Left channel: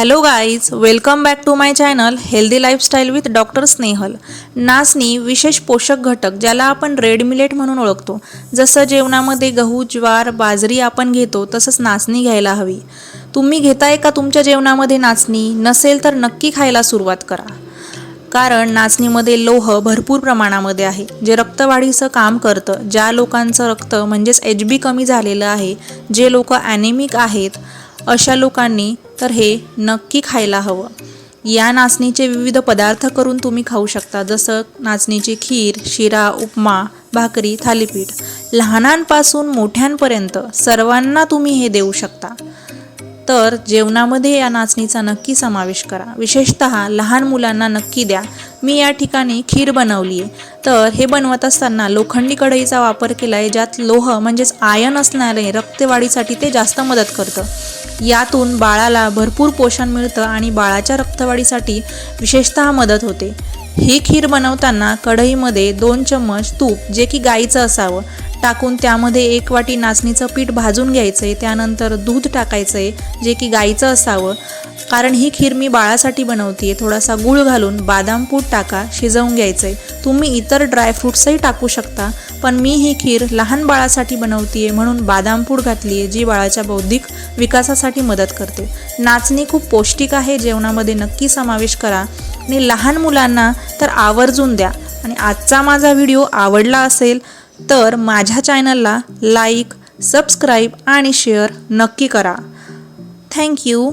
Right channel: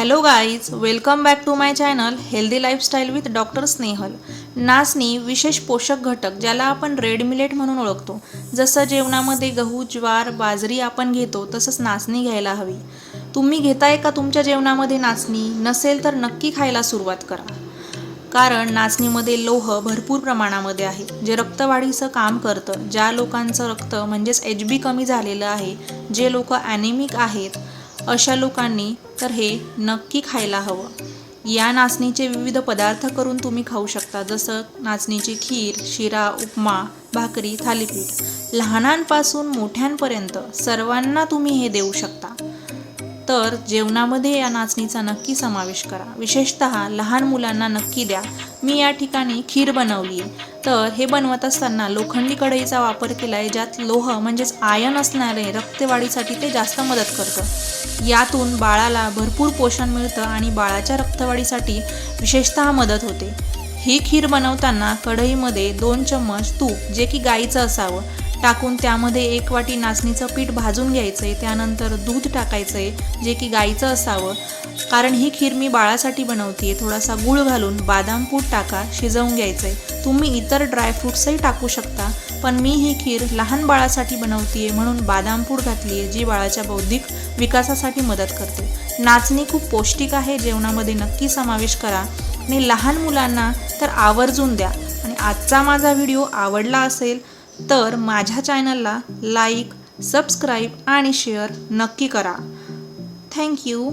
Hello guys, welcome back to my channel healthy lifestyle with doctor Snehal. नाचणी विशेष पोषक घटक ज्याला आपण रेड मिलेट म्हणून ओळखतो, जसं जेवणामध्ये गहू, ज्वार, बाजरी आपण घेतो तसंच नाचणी घ्यायला हवी। तुम्ही घेताय का तुमच्या जेवणामध्ये नाचणी? नसेल तर नक्की खायला सुरुवात करा, कारण नाचणीमध्ये लोह भरपूर प्रमाणामध्ये आहे, जे रक्तवाढीचं काम करतं। ज्या लोकांचं रक्त म्हणजेच HB कमी झालेलं आहे, जे लोक ॲनेमिक आहेत, अशा लोकांनी तर हे नक्की खायला हवं। या नाचणीचे विविध पदार्थ करून तुम्ही खाऊ शकता, जसं नाचणीची खीर, शिरा, उपमा, भाकरी, थालीपीठ। लहानांपासून मोठ्यांपर्यंत सर्वांना तुम्ही हे देऊ शकता। तर जेवणामध्ये या नाचणीचा नक्की समावेश करा, विशेषतः लहान मुलांना नक्की द्या। मी या ठिकाणी खीर बनवली आहे, तर हे बनवत असताना लोखंडी कढईचा वापर केला आहे, ज्यात लोह म्हणजेच आयर्न असणारे रक्तवाढीसाठी ते जास्त मदत करतं। यातून बाळाला भरपूर पोषण मिळतं आणि बाळाच्या रक्तवाढीसाठी विशेषतः मदत होते। ही खीर बनवताना कढईमध्ये 2 चम्मच तूप, जे की गाईचं असावं, टाकून त्यामध्ये 1 वाटी नाचणीचं पीठ भाजून घ्यायचं आहे। त्यानंतर दूध टाकायचं आहे, जे की गाईचं असावं, कारण ही खीर मी बाळासाठी बनवते। थोडासा गूळ घालून बादाम पूड टाका, शिजवून घ्यायचं आहे। तुम्ही इतर ड्रायफ्रूट्सही टाकू शकता, पण मी ही खीर लहान बाळासाठी बनवते म्हणून बादाम पूड घातली आहे, जी बाळाच्या बौद्धिक विकासासाठी मदत करते। नाचणी खूप पौष्टिक आहे, जेवणामध्ये नक्की समावेश करा आणि लहान मुलांना तर आवर्जून द्या। आणि आजचा माझा व्हिडिओ आवडला असेल तर माझ्या चॅनलला लाईक, सबस्क्राईब आणि शेअर नक्की करा। थँक्यू।